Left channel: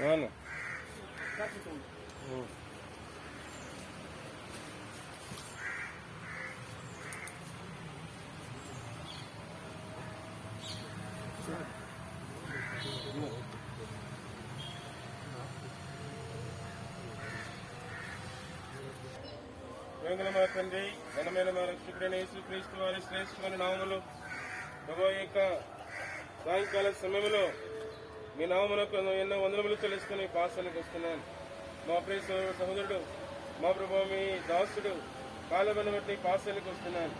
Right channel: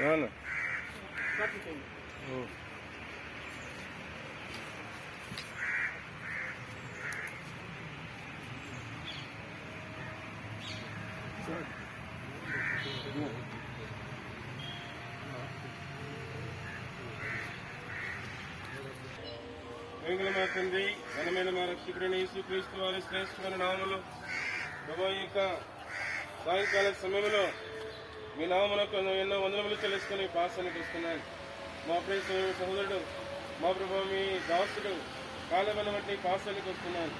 Ana. మా తండ్రి ఘనమైన మా రక్షకుడైన యేసుక్రీస్తు వారి శ్రేష్టమైన నామములో ప్రభువు యొక్క సాయంకాల సమయంలో మీ నామమునకు ఎన్నో వందనములు చెల్లిస్తున్న పాసానికి వస్తున్నాను. మా ప్రియ సహోదరుడు మా ప్రభువు మీ దాసుడు కాలమైన బట్టి పాసానికి వస్తున్నాను.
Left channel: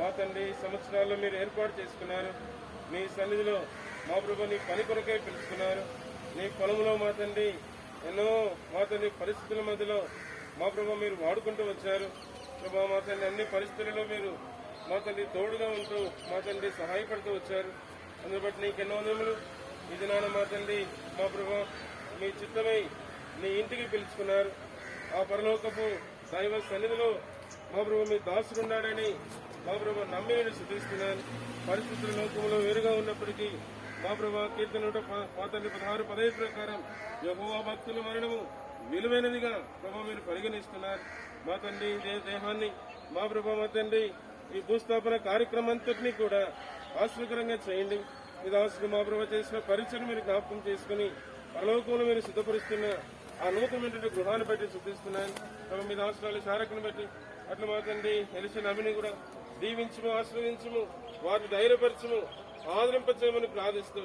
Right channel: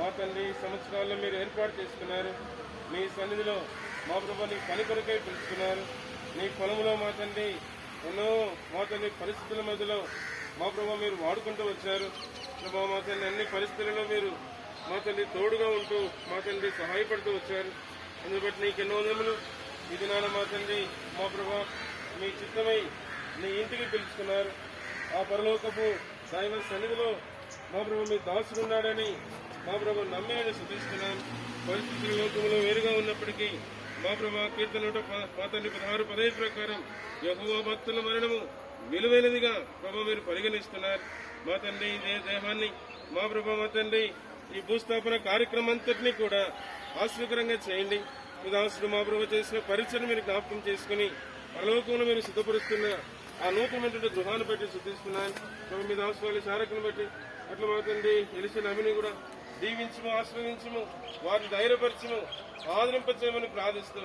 మా తండ్రి సంవత్సరాల్లో మీరు ఏర్పాటు చేసుకున్నారు. మీ సన్నిధిలో మా ప్రభు నీ పని కొరకై పిలుచుకున్నారు. నీ పొలంలో మా తండ్రి ఎన్నో మా తండ్రి పరిస్థితుల మధ్యలో మా ప్రభు మీరు వాడుకుంటూ వచ్చారు. ప్రభావ మా తండ్రి అన్ని పరిస్థితులలో మీరు మా తండ్రి తోడుగా ఉంటూ మా తండ్రి సహాయపడుతూ వచ్చారు. అందుని బట్టి నీకు ఎన్నో వందములు. ఇది నాన్న మా తండ్రి మా ప్రభు మీ చిత్తమై నీ ఇంటికి పిలుచుకున్నారు. ఆ పరలోకపు దైవ సన్నిధిలో మా ప్రభు మీ దాసుడున్నాడని మా ప్రభు నమ్మి నేను శుద్ధిస్తున్నాను. పరిస్థితుల లోకములో వేరుగా ఉన్నప్పటికీ మా ప్రభు కీర్తన 16:15 ప్రకారం యెహోవా భక్తుల మరణము విలువైనదిగా ప్రభు మీరు పరిగణిస్తున్నారు. మా తండ్రి దేహాన్ని మా ప్రభు మా తండ్రి ఈ భూస్థాపన కార్యక్రమం అంతటినీ కూడా ఆశ్చర్యకరంగా చేయండి. మీ దాసుడు మా ప్రభు చేసిన పరీక్షను మీరు జ్ఞాపకం చేసుకుని పరలోకంలో మీరు సిద్ధపరుస్తున్న ఆ నూతనమైన గృహాన్ని బట్టి శుద్ధిస్తున్నాను. ప్రభు మీ దాసులు చారకుని బట్టి అట్లా మా తండ్రి తెలిసిన అమిని కూడా దీవించము, ఆశ్రయించము, వారిని ధైర్యపరచము, ఆదరింపచేయమని ప్రార్థిస్తూ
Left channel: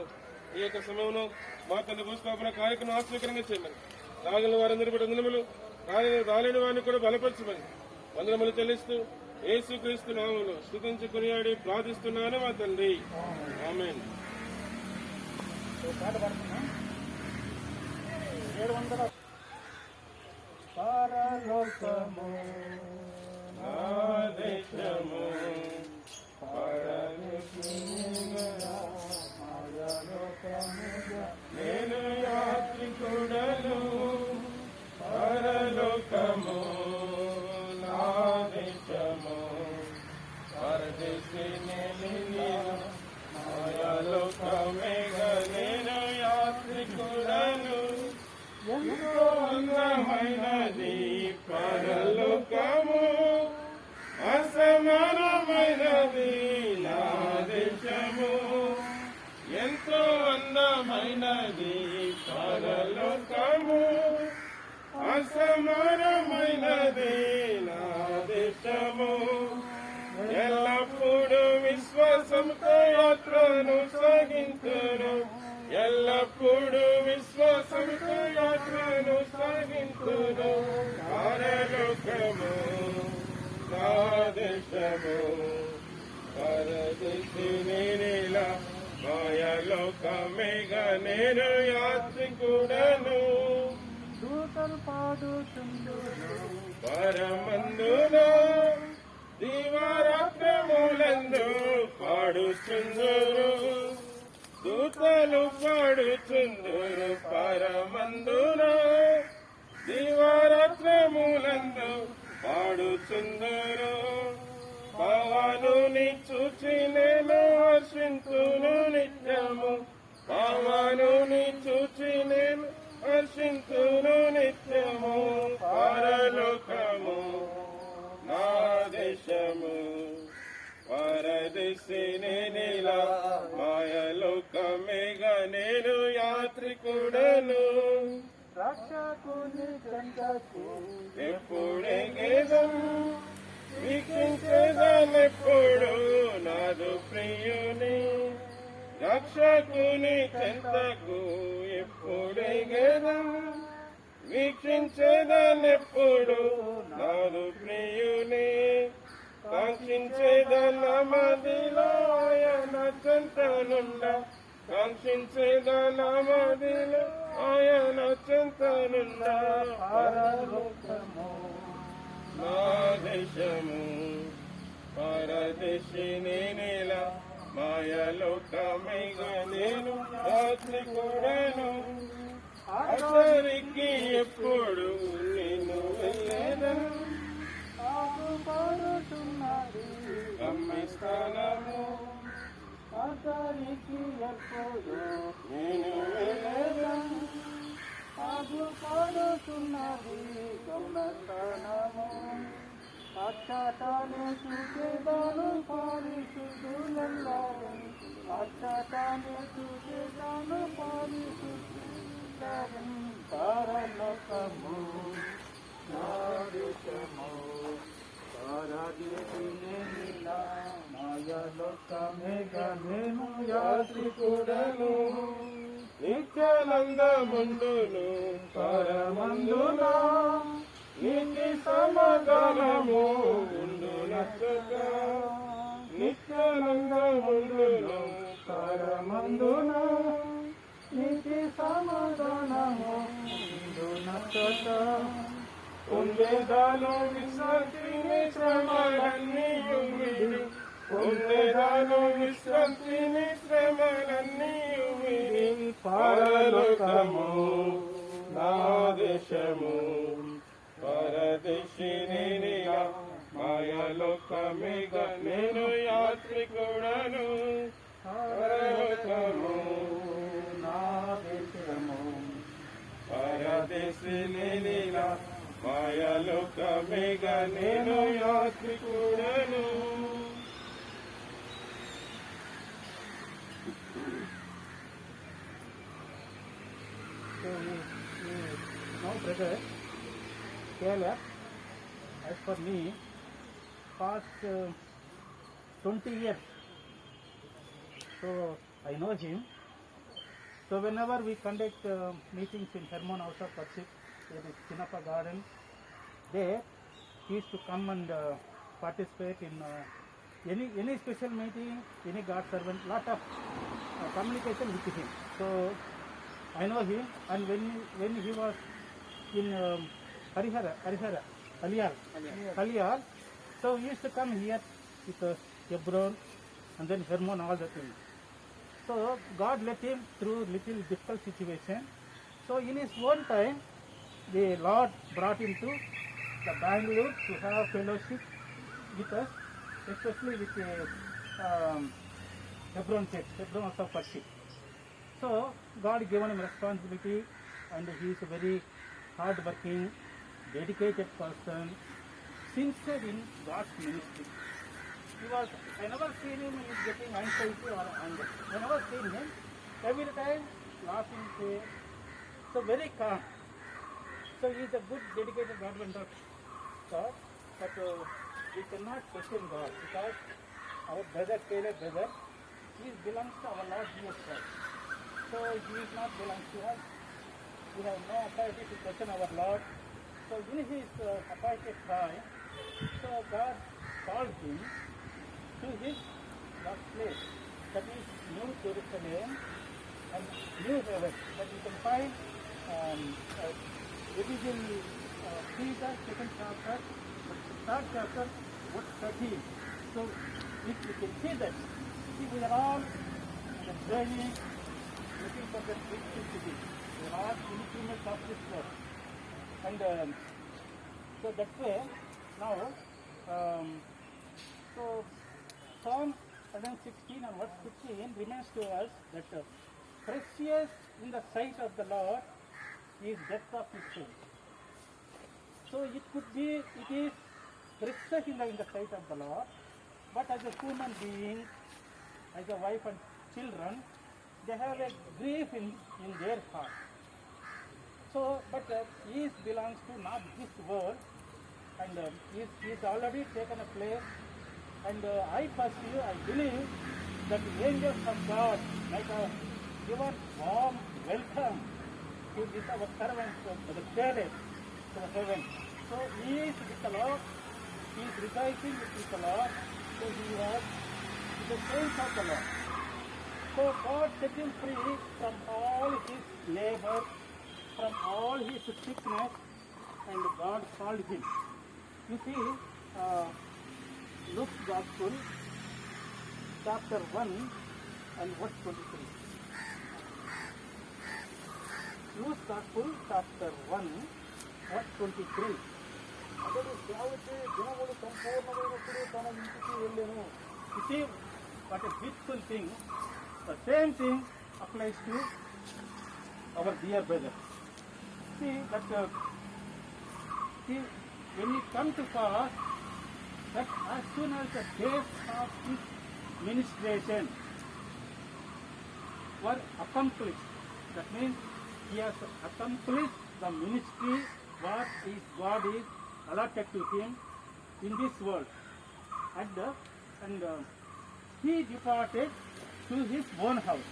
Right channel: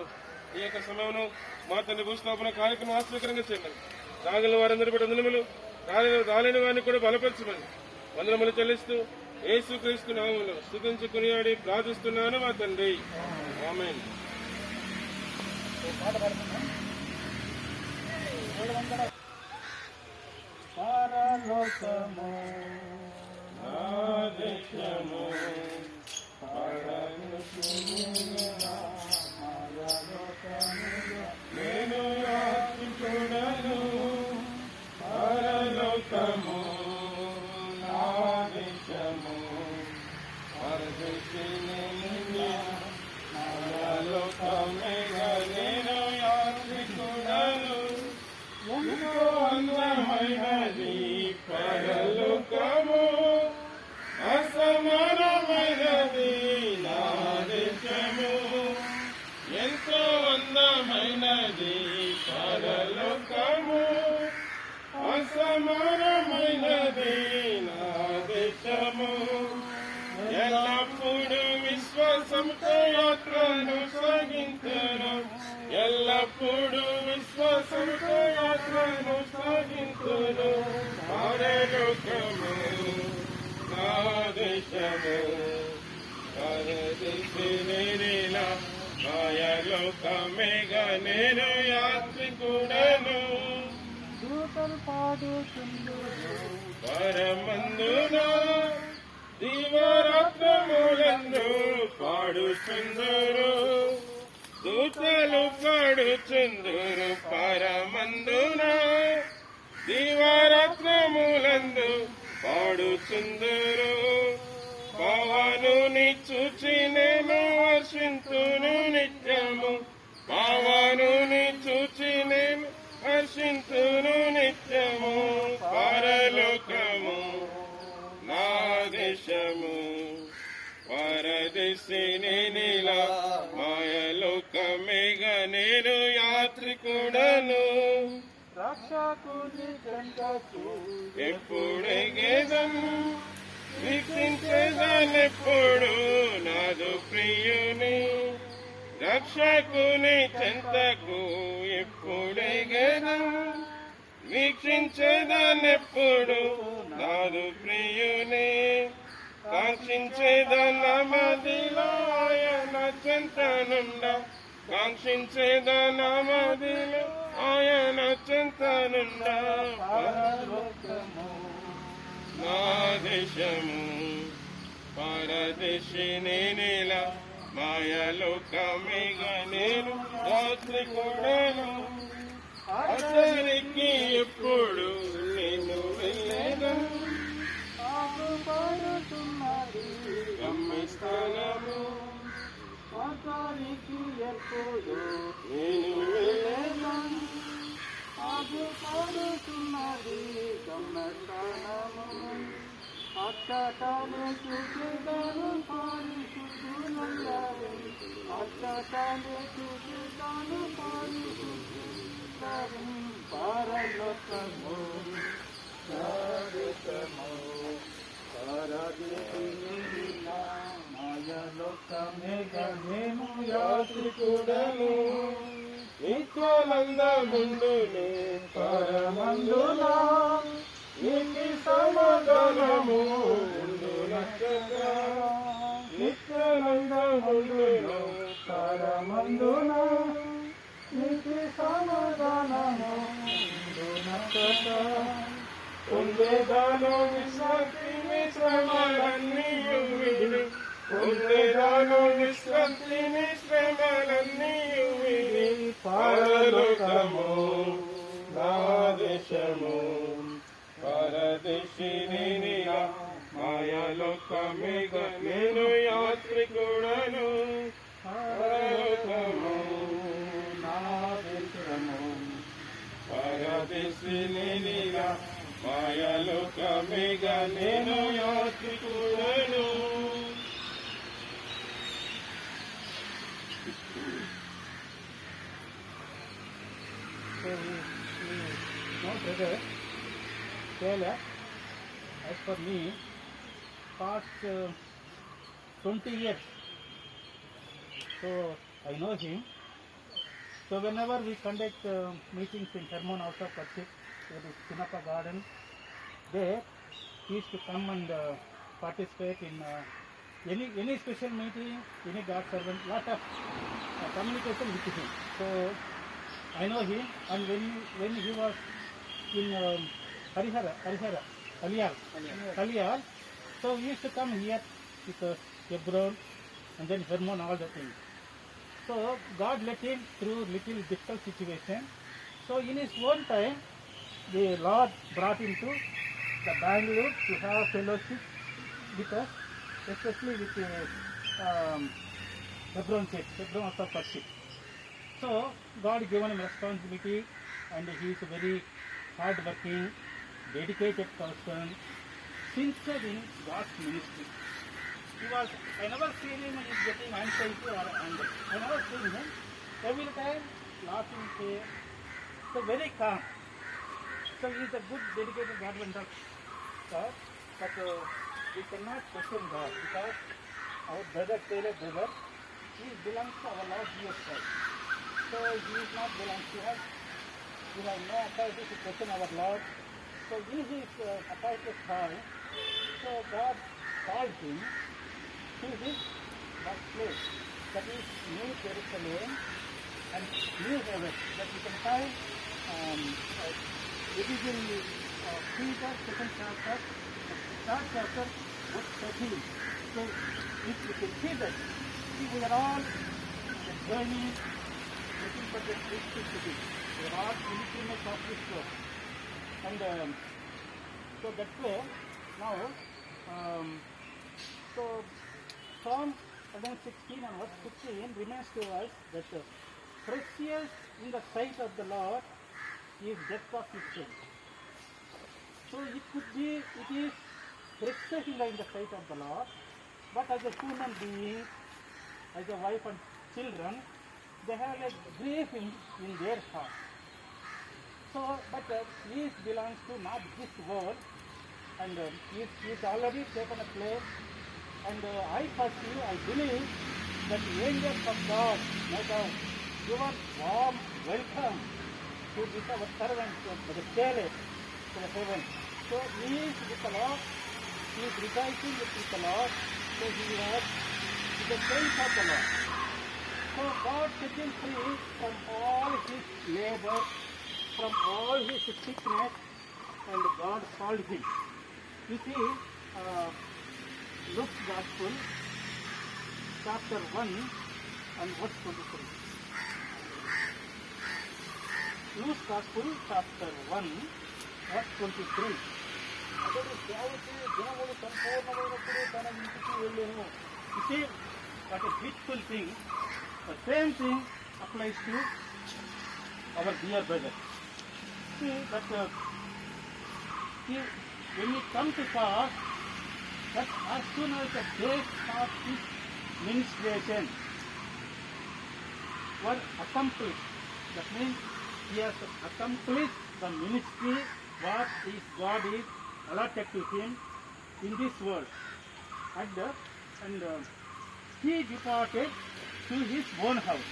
ఈ యొక్క సమయంలో మా తండ్రి భూస్థాపన కార్యక్రమం ఆశ్చర్యకరంగా చేయమని రాగల వారందరూ కూడా వందనములు, రాలేని వారిని కూడా బలపరచమని వందనములు చెల్లిస్తూ యేసుక్రీస్తు నామములో స్తుతించి కొనియాడి ప్రార్థిస్తున్నాను మా తండ్రి. ఆమేన్. నేను యాత్రికుడను పరలోకము నా దేశము పరదేశి పరలోకమేగా నేను యాత్రికుడను ఎంతో అందమైనది పరలోకము అసమానమైనది నా దేశము ఎంతో అందమైనది పరలోకము అసమానమైనది నా దేశము ఎల్లప్పుడూ విశ్వాసంతో యాత్రను సాగింతును ఎల్లప్పుడూ విశ్వాసంతో యాత్రను సాగింతును దేశము పరదేశి నేనేలా మాయలోకమేగా నేను యాత్రికుడను దూతలు పాడుచుందురు పరమందున దీవారాత్రములందు పాడుచుందురు దూతలు పాడుచుందురు పరమందున దీవారాత్రములందు పాడుచుందురు పవనుని చూచి నేను హర్షింతును నిత్యము పవనుని చూచి నేను హర్షింతును నిత్యము పరలోకము నా దేశము పరదేశి నేనిలా మాయలోకమేగా నేను యాత్రికుడను రక్షకుని చెంతకు ఎప్పుడెగేదం వీక్షించేదానెప్పుడు నాదు ప్రియుని రక్షకుని చెంతకు ఎప్పుడెగేదం వీక్షించేదానెప్పుడు నాదు ప్రియుని కాంక్షించేదానమదిలో ఆయన చెంతనుండ కాంక్షించేదానమదిలో ఆయన చెంతనుండ పరలోకము నా దేశము పరదేశి నేనేలా మాయలోకమేగా నేను యాత్రికుడను అతనికి ఎప్పుడు నేను వెళ్ళేదను ఆగుపడుతున్నది గమ్యస్థానము అతనికి ఎప్పుడు నేను వెళ్ళేదను ఆగుపడుతున్నది గమ్యస్థానము అచ్చటానే చూసేదాను పరిశుద్ధులల్లారే అచ్చటానే చూసేదాను పరిశుద్ధులల్లారే పరలోకము సారికము పరదేశి నేనిలా మాయలోకమేగా నేను యాత్రికుడను నిత్యానందముందును పరమందులో నీతి సమాధానము ఉండునచ్చట నిత్యానందముందును పరమందున నీతి సమాధానము ఉండునచ్చట పొందేదాను విశ్రాంతిని శ్రమలన్నీ విడి పొందేదాను విశ్రాంతిని శ్రమలన్నీ విడి పరలోకము నా దేశము పరదేశి నేనిలా మాయలోకమేగా నేను యాత్రికుడను పరలోకము నా దేశము పరదేశి నేనిలా మాయలోకమేగా నేను యాత్రికుడను So no brother, Kerala, as for me, past 20 years, so I know him. So whenever we conduct meetings in Hermon House of Worship, there is Pinaka Garden, there he used to come and participate in any special meeting, any God servant, lot of communication with him. So I know him, and when he was in Kaliyal, so he used to come here with Hebron and then Hermon, all the things. So God let him through little difficult situation. So in his own time, the Lord brought him to the Bangalore to have fellowship with us, especially with Hebron Church, Hebron House of Worship. So God given him responsibility, and he is a very hard-working, dedicated person, sincere in God's ministry. I never seen him getting anxiety or anger. I never seen him. Every time laughing, so very calm. So he is a good, dedicated servant of God. But we cannot question God, because our brother Taylor brother, he belongs to our Lord Jesus Christ. So he is not belongs to us. We have no authority to question our Lord. So in his appointed time, so God called him to his birthplace, that is New Jerusalem and New Heaven, that you can find it is in Peter, 2nd chapter, the 3rd chapter, verse 13. So if you can see that, see, we are all the journey looking for the Christian city. We are all pilgrims of this world. And so that way, now, so Psalm 116 and verse 15 reminds to us that precious in the sight of the Lord is death of his saints. So it could be, it is precious in the sight of the Lord, but as a human being, as a wife and children, they have a grief in their heart. So, but he belongs to not this world, and he's already taken a place. And I pursue, I believe that the angels of God might have given warm welcome to this our servant, to the chalice, to heaven. So he is with the Lord, he is rejoicing with the Lord, so he was with the saints of the Lord. So God set him free from all his labor, from all his sickness, and God called him. You see, Luke's Gospel, chapter 1 and verse 23. Luke's Gospel, chapter 1, verse 23. అతడు సేవకి దినములు సంపూర్ణమైనప్పుడు తన ఇంటికి వెళ్ళాను. You see, what a beautiful thing. The same thing applies to our dear brother. See that when we come to fast, that as soon as the days of his ministration were accomplished, that means he has accomplished the ministry what is God is allotted to him in this world, and he departed to his own house.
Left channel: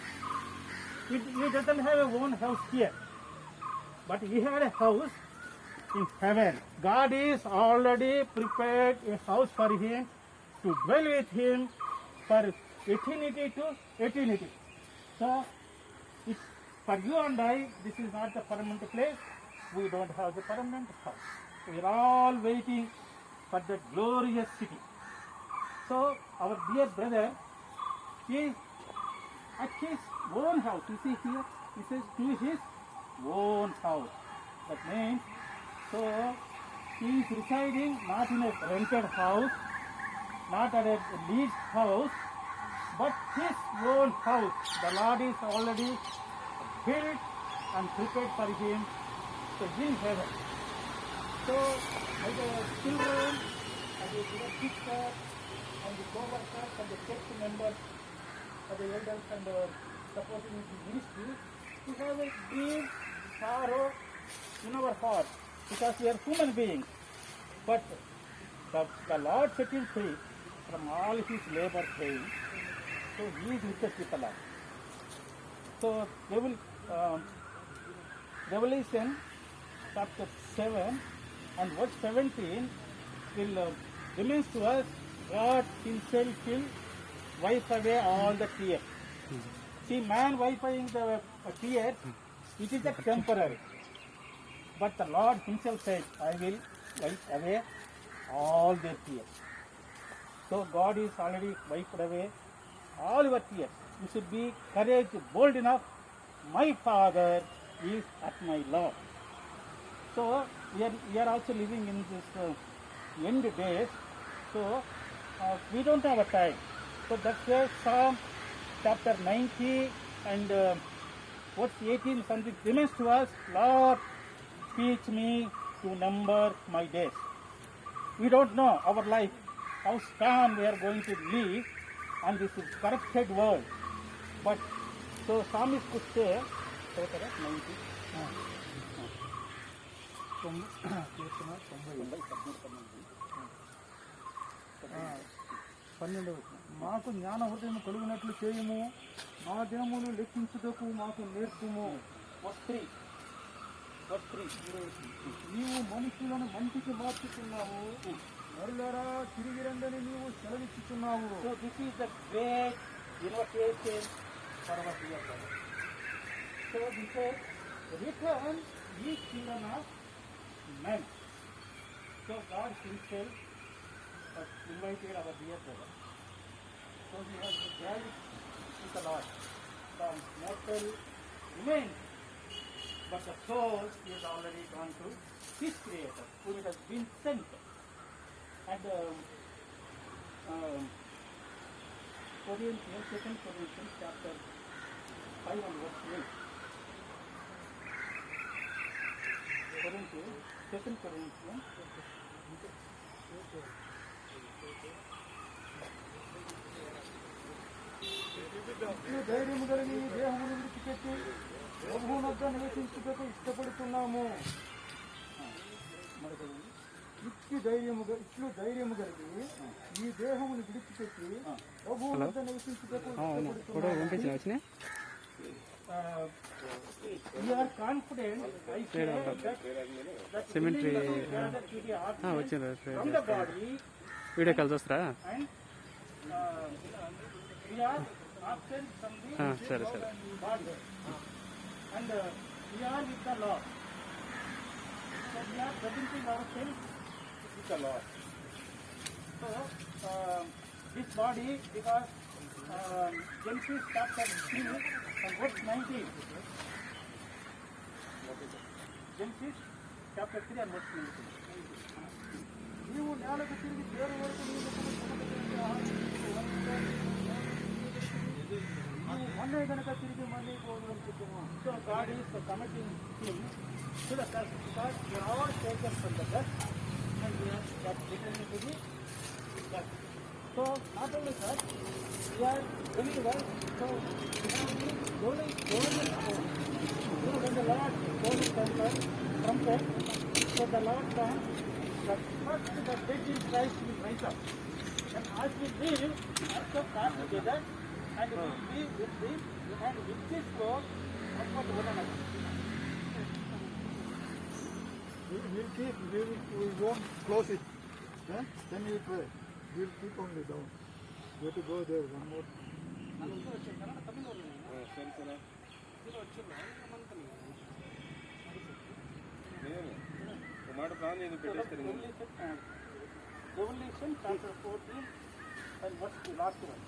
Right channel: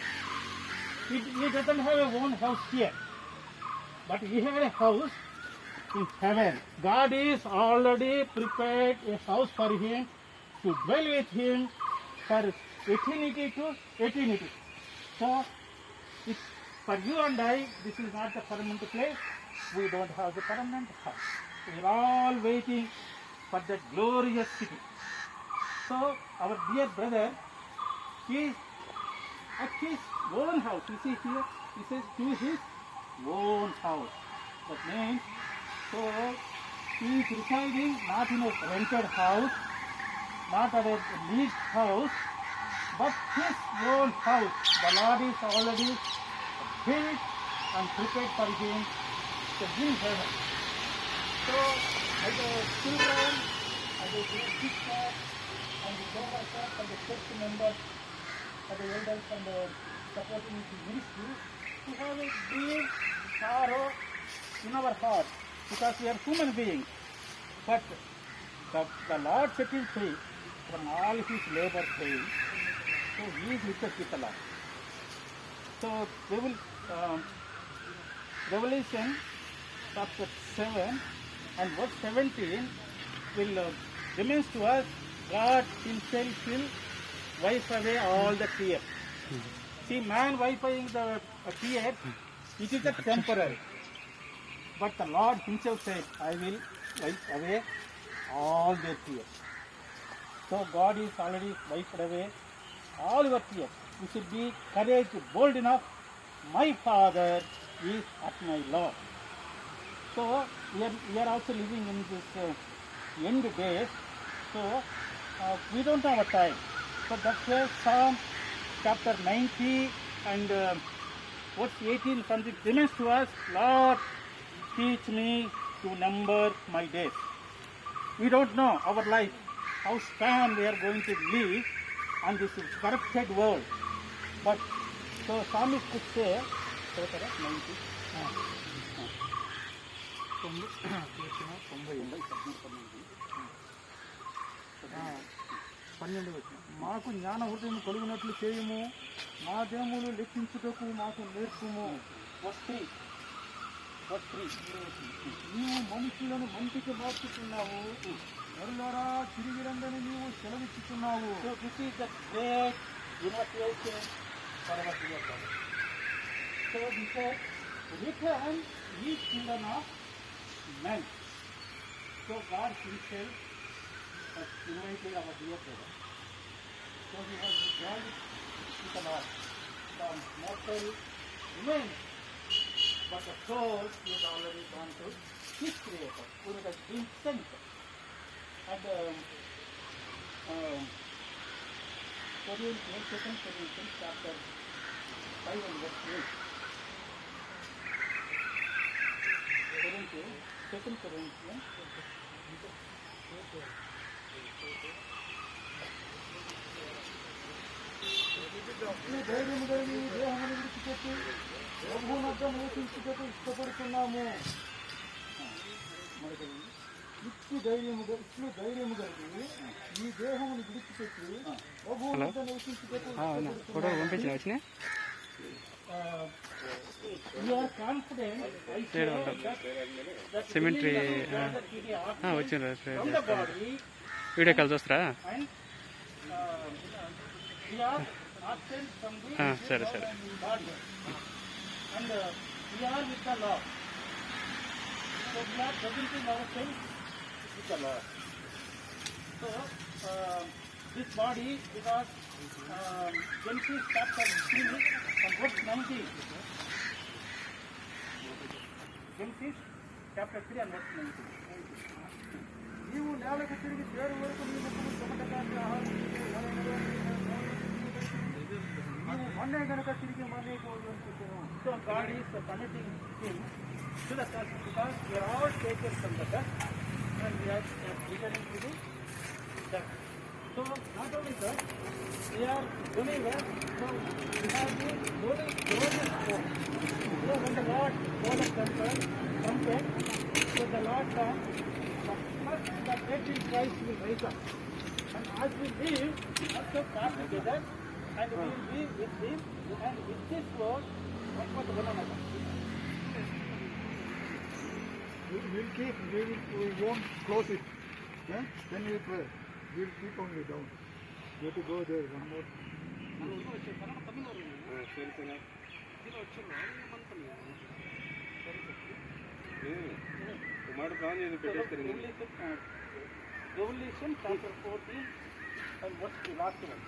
He doesn't have a own house here, but he had a house in heaven. God is already prepared a house for him to dwell with him for eternity to eternity. So, for you and I, this is not the permanent place. We don't have the permanent house. We are all waiting for that glorious city. So, our dear brother is at his own house. You see here, he says to his own house. That means, so he is residing not in a rented house, not at a leased house, but his own house. The Lord is already built and prepared for him to in heaven. So, as a children, as a sister, and the co-workers and the church members, and the elders and the supporting his ministry, to have a deep sorrow in our heart, because we are human beings. But the Lord set him free from all his labor pain, so he is with us with the Lord. So they will, Revelation chapter 7 and verse 17 will remains to us, God himself will wipe away all the tears. See, man wiping the tears, it is a temporary. But the Lord himself said, I will wipe away all their tears. So God is already wiped away all your tears. You should be courageous, bold enough. My Father is at my Lord. So we are also living in this end days. So we don't have a time. So that's where Psalm chapter 90 and verse 18 something remains to us. Lord, teach me to number my days. We don't know our life, how span we are going to live on this corrupted world. But so psalmist could say, 90. మాకు జ్ఞానవృత్తిని కొలుగునట్లు చేయము, మా దేములు లెక్కించుటకు మాకు నేర్పుము. వస్త్రీ నీవు మనుషులను మంటికి మార్చుతున్నావు, నరులారా తిరిగి రండని నీవు సెలవిచ్చుచున్నావు. So this is the great invitation for our dear brothers. So he said, return ye children of men. So God himself has invited our dear brother. So he has dwelt with the Lord. The mortal remains, but the soul is already gone to his Creator, who has been sent. And Corinthians, 2 Corinthians chapter 5 and verse 8. Corinthians, 2 Corinthians. ఇట్లు ధైర్యము కలిగి ఈ దేహమును విడిచిపెట్టి ప్రభువునొద్ద నివసించుటకు ఇష్టపడుతున్నాము. ఇట్లు ధైర్యము కలిగి ఈ దేహమును విడిచిపెట్టి ప్రభువునొద్ద నివసించుటకు ఇష్టపడుతున్నాము. We are confident that Cemetery, వచ్చిన from the body video call చూస్తారా? and we are absent from the సరే సరే. body and we are with the Lord. So we are presenting ourselves with the Lord. So this body, because Genesis chapter 3 and verse 19. Genesis chapter 3 and verse 19. నీవు నేలకు తిరిగి చేరు వరకు నీ ముఖము మన్నే గనక తిరిగి మన్నే So God is connecting him to the dust because we are all taken from the dust and we are returning to the dust. So not only that, we are believers, so we have been glorious hope. So when the Lord called the trumpet, so the Lord comes, the first the dead in Christ will rise up. And as we live, also come together and we will be with him and with this world comfort one another. we won't close it. Then we pray. We'll keep only down. You have to go there one more. సరే సరే నేను ఒక మాట plan చేసి పెట్టేస్తారు Revelation chapter 14 and what's the last one?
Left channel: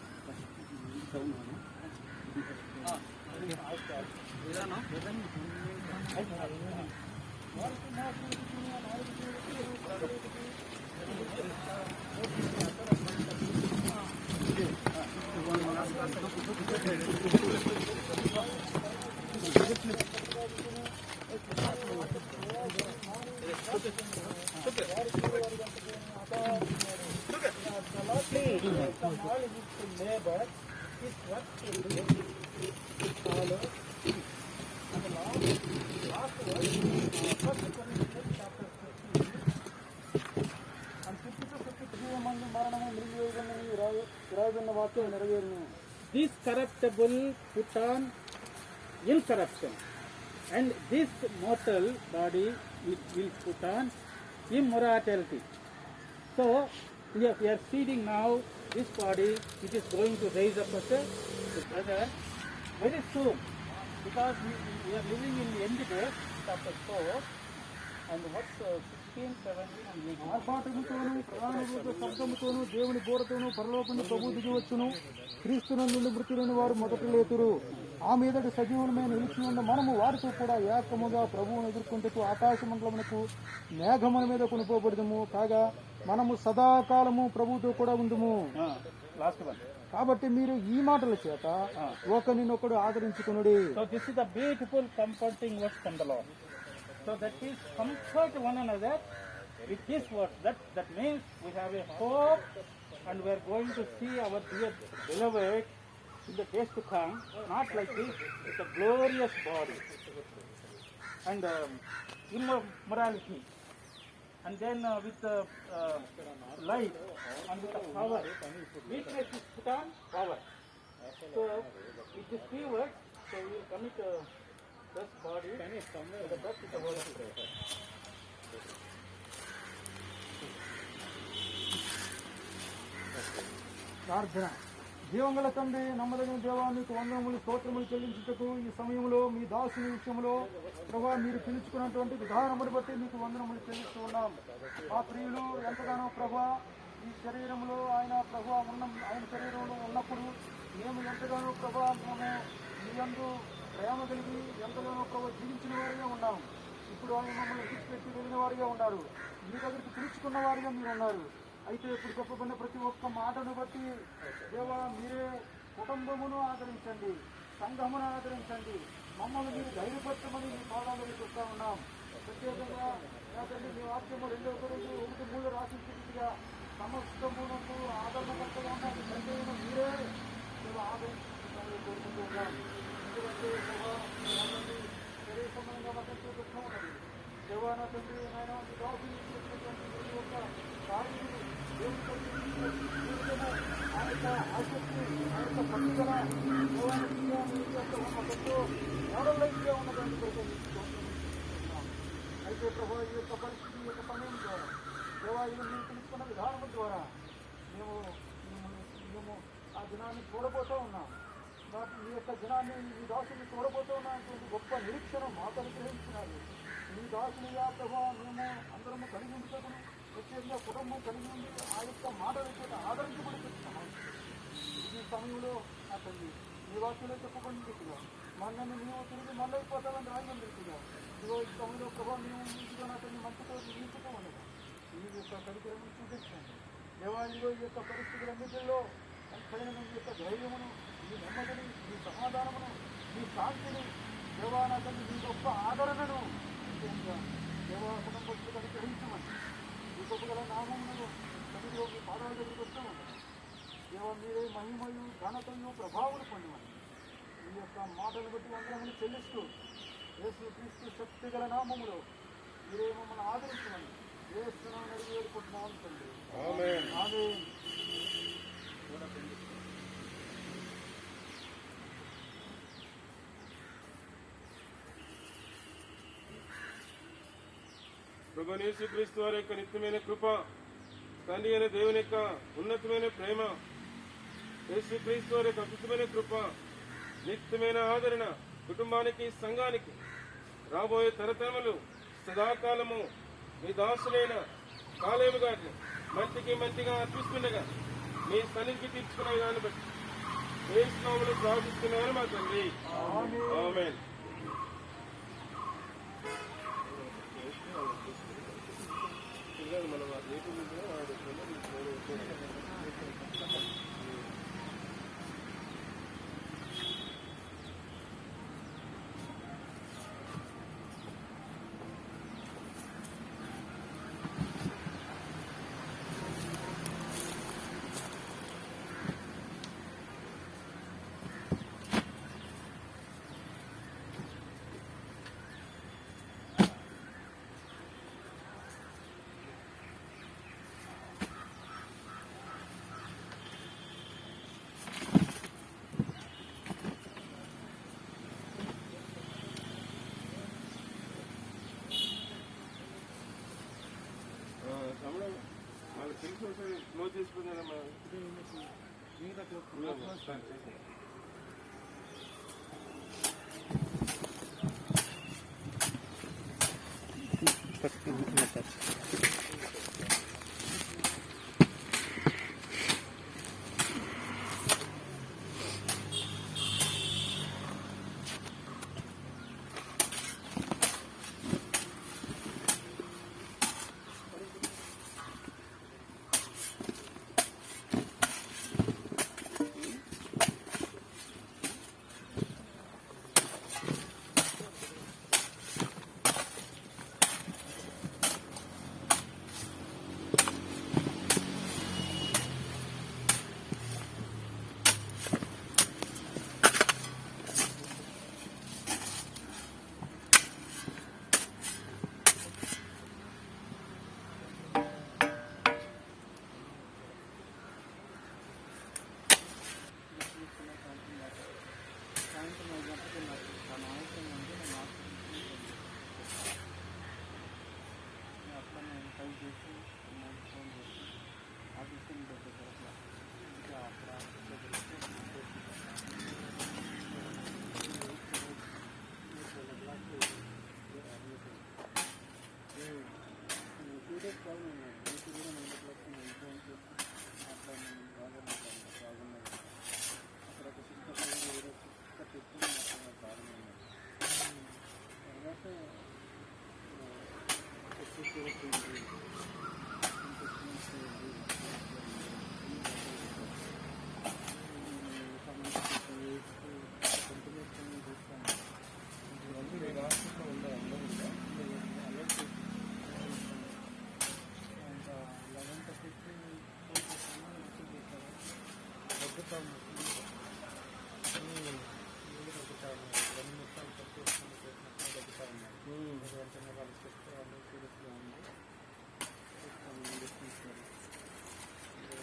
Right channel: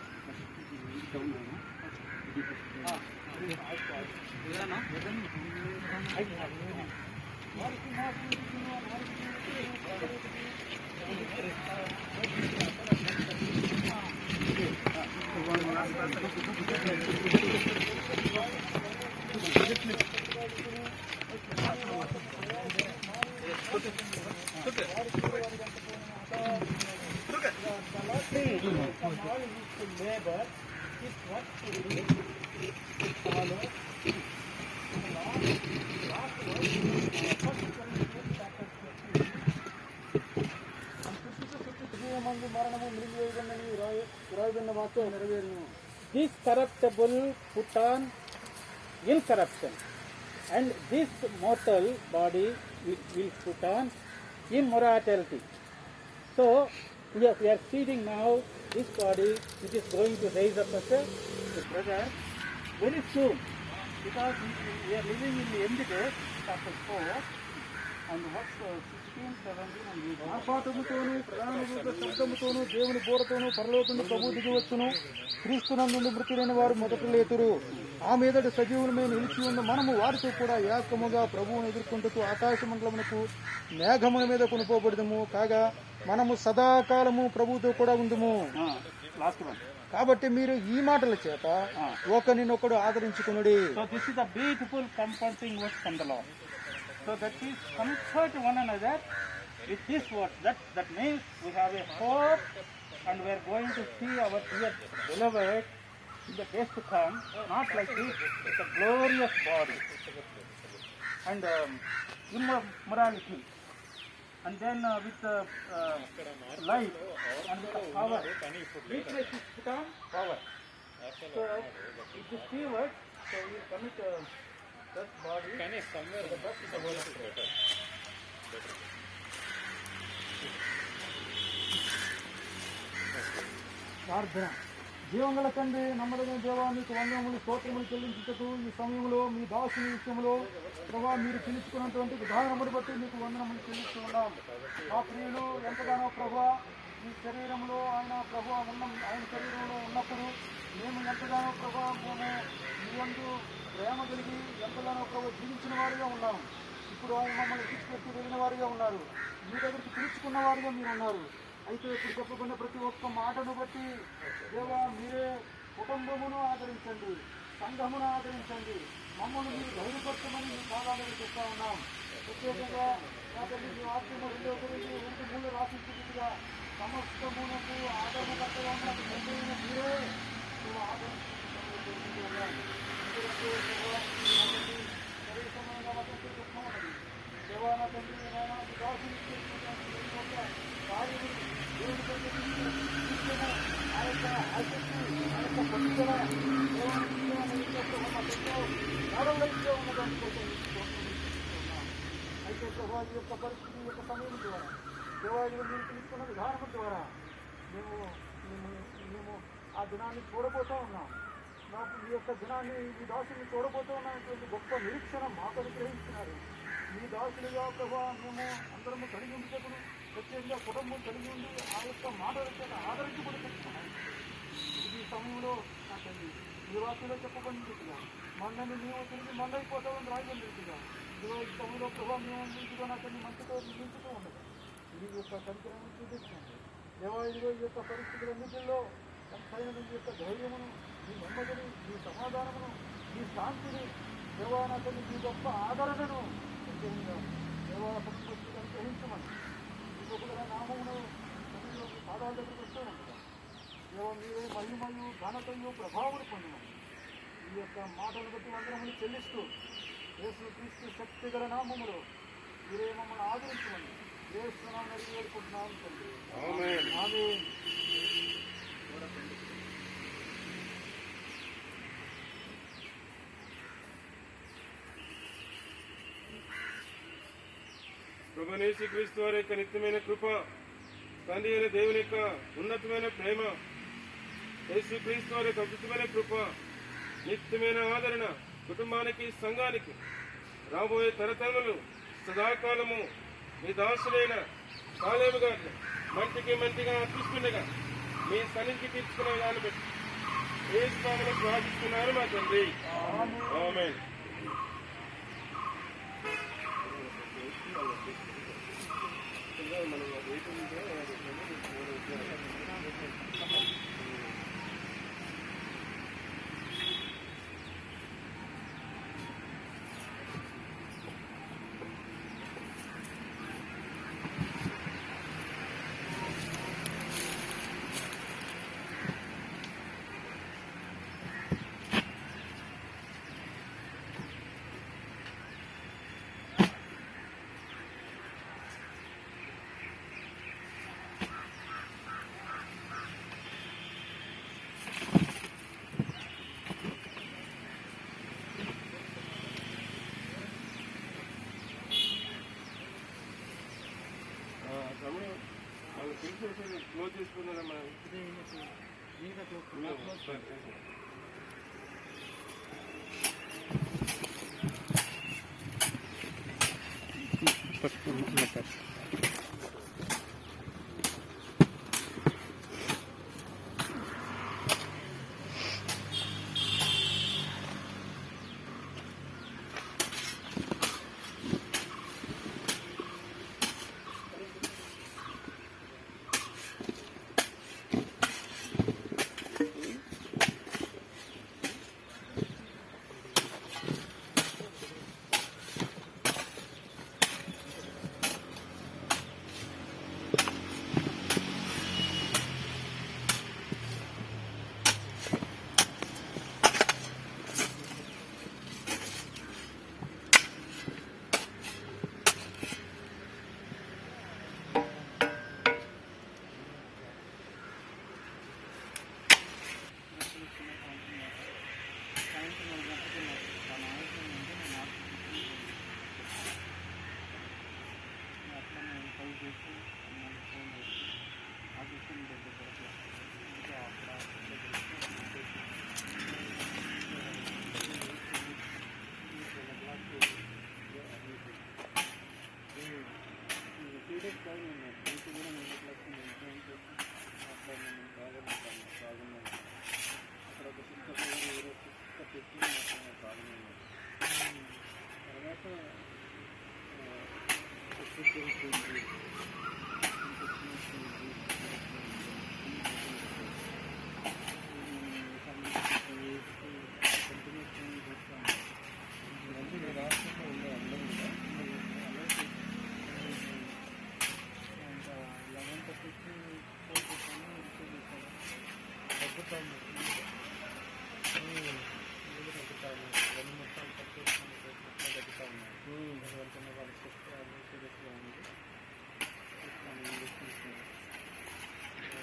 Labor is what to follow. Last word, 1 Corinthians chapter 15 and 52-53 మంది మరణము మృంగివేయబడినని వ్రాయబడిన వాక్యం నెరవేరును. This corruptible put on incorruption, and this mortal body will put on immortality. So we are seeing now this body which is going to raise up as a brother very soon, because we are living in the end days, chapter 4 and what's 16, 17 and 18. ఆర్భాటముతోను ప్రాణముగ శబ్దముతోను దేవుని బోరతోను పరలోకము ప్రభు దిగి వచ్చును. క్రీస్తునందు నుండి మృతి లేని వారు మొదట లేతురు. ఆ మీదటి సజీవులమై నిలిచి ఉన్న మనము వారితో కూడా ఏకముగా ప్రభువును ఎదుర్కొంటూ ఆకాశ మండలమునకు మేఘముల మీద కొనుకోబడదము. కాగా మనము సదాకాలము ప్రభువుతో కూడా ఉందుము. Last one. కాబట్టి మీరు ఈ మాటల చేత ఒకరినొకడు ఆదరించుకొనుడి. So this is a beautiful comforting word from the Lord. So that is comfort one another with this word. That means we have a hope and we are going to see our dear beloved in the days to come, not like this, it's a glorious body and immorality, and then with life and with the power. Weakness is put on power. So if you see what, so we will commit this body, the dust is the word of God. ప్రార్థన. జీవంగల తండ్రి, నమ్మదగిన దేవా, మీకు వందనములు స్తోత్రములు చెల్లించుటకు ఈ సమయంలో మీ దాసుని విషయంలో ప్రభా మీరు పిలుచుకున్నటువంటి విధానమును బట్టి మీకు వందనములు చెల్లిస్తూ ఉన్నాం. మా ప్రియులు ఎంతగానో ప్రభా ఈ శరీరంలో ఆయన శరీరంలో ఉన్నప్పుడు మేము ఎంతగానో ప్రభా మేము మీ యందు ప్రేమ కలిగి ఎంతగానో ప్రభా జీవించిన వారిగా ఉన్నాం. ఇప్పుడు ఆయన మమ్మల్ని విడిచిపెట్టి వెళ్ళిన వారిగా ఉన్నారు. మీ దగ్గరికి పిలుచుకున్న వారిగా మీరు ఉన్నారు. అయితే ఇప్పుడు చెప్పబడిన ప్రతి ఒక్క మాటను బట్టి దేవా మీరే కుటుంబమును ఆదరించండి, సంఘమును ఆదరించండి, మమ్మల్ని మీరు ధైర్యపరచమని మీ పాదాలను చెప్తా ఉన్నాం. ప్రత్యేకంగా నా తల్లి మీ వాక్యము 2 కొరింథీయులు 1:3 రాసినట్టుగా సమస్తమునకు ఆదరణకర్తగా ఉన్న తండ్రి అయిన మీరే మేము ఆదరించుకుంటూ కోరుకుంటూ ఉన్నాం. ఎందుకంటే సరే సమయంగా మా తండ్రి దుఃఖమన్నది దేవా నా తండ్రి నాయన మీ దాసుని కార్యని దేవుని ఆ యొక్క ఆసక్తి ఆ యొక్క పట్టుదల దేవాలయంలో ఉన్నదాన్ని కొరకు అయితే ప్రభా ఈ యొక్క పరిస్థితి యొక్క సమయం ద్వారా దేవాలయం మీరు తెలుసుకున్న విధానం ద్వారా మేము ఆ దినాన్ని చూడబోతూ ఉన్నాం. మాకు ఈ యొక్క దినాన్ని ఈ దాసుని చూడబోతూ ఉన్నటువంటి గొప్ప నిరీక్షణ మాకు అనుగ్రహిస్తున్నారు. మీ దాసులుగా ప్రభా మేము అందరము కలిగి ఉండటం ప్రత్యేకంగా కుటుంబం కలిగి ఉండి ఆ యొక్క మాటలతో ఆదరించబడుతున్నాం. ఈ సమయంలో ఆ తల్లి ఈ వాక్యంలో చెప్పబడిన రీతిగా మన్నని మేము తిరిగి మన్నైపోతామని రాయబడిన రీతిగా ఇదిగో ఈ సమయంలో ప్రభావ మేము నీటిగా నా తల్లి మంచితో నిలుపుతూ ఉండగా ఈ యొక్క కార్యక్రమం చూపించండి. దేవా ఇదిగో ఈ యొక్క పరిస్థితులన్నింటిలో ఎంతైన మీ యొక్క ధైర్యమును, మీ నెమ్మదిని, మీ సమాధానమును, మీ శాంతిని దేవా నా తల్లి మీ గొప్ప ఆదరణను ప్రత్యేకంగా దేవా కుటుంబస్తులను గ్రహించమని ఈ గొప్పమైన నామమును మీ పాదాల దగ్గర వస్తూ ఉంటారు. దేవా మీరు మహిమయు ఘనతయు ప్రభావం పొందమని ఈ యొక్క మాటలు బట్టి వందనములు చెల్లిస్తూ యేసుక్రీస్తు శక్తి గల నామములో మీరే మమ్మల్ని ఆదరించమని యేసు నామమున అడిగి వేడుకుంటున్నాం తండ్రి. ఆమేన్. ఆమేన్. ప్రభువైన యేసుక్రీస్తు వారి యొక్క నిత్యమైన కృప, తండ్రి అయిన దేవుని యొక్క ఉన్నతమైన ప్రేమ, యేసుక్రీస్తు వారి యొక్క అద్భుతమైన కృప, నిత్యమైన ఆదరణ కుటుంబానికి, సంఘానికి రాబోయే తరతరములు సదాకాలము మీ దాసులైన కాలేబు గారిని మంటిగా అర్పిస్తుండగా మీ సన్నిధికి తీర్చుకున్న దాన్ని బట్టి యేసు నామములో ప్రార్థిస్తున్నారు మా తండ్రి. ఆమేన్. మనం సమయం వాళ్ళు తెలిసి క్లోజ్ చేసుకుందాం.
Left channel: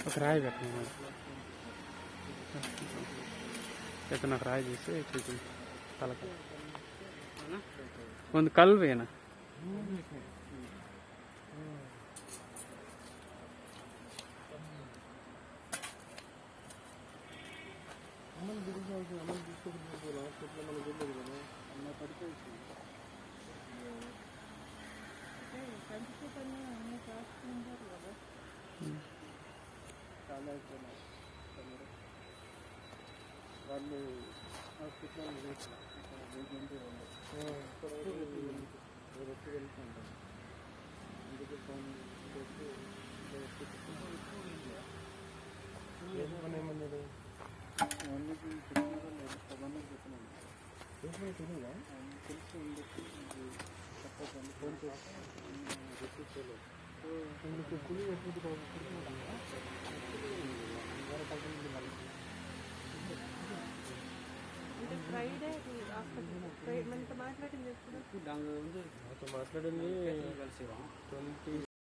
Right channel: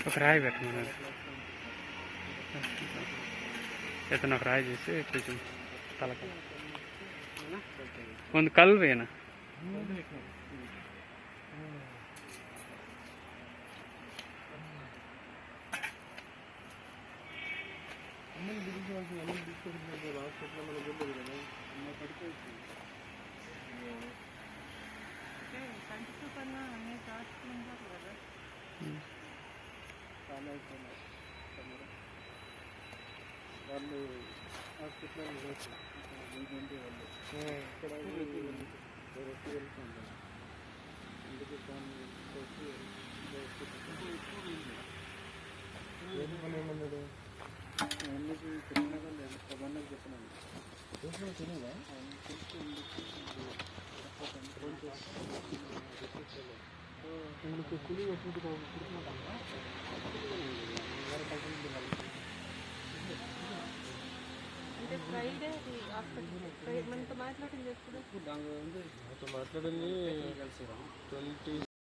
ఒక రాయి పెట్టమన్నారు. ఇతను ఒక రాయి చేసి కొంచెం తలక ಒಂದು ಕಲ್ವೇನ వాళ్ళు హాస్పిటల్ ఫ్రైడే హాస్పిటల్ మనతో మాట్లాడింది ఎప్పుడు నాతో మాట్లాడింది 20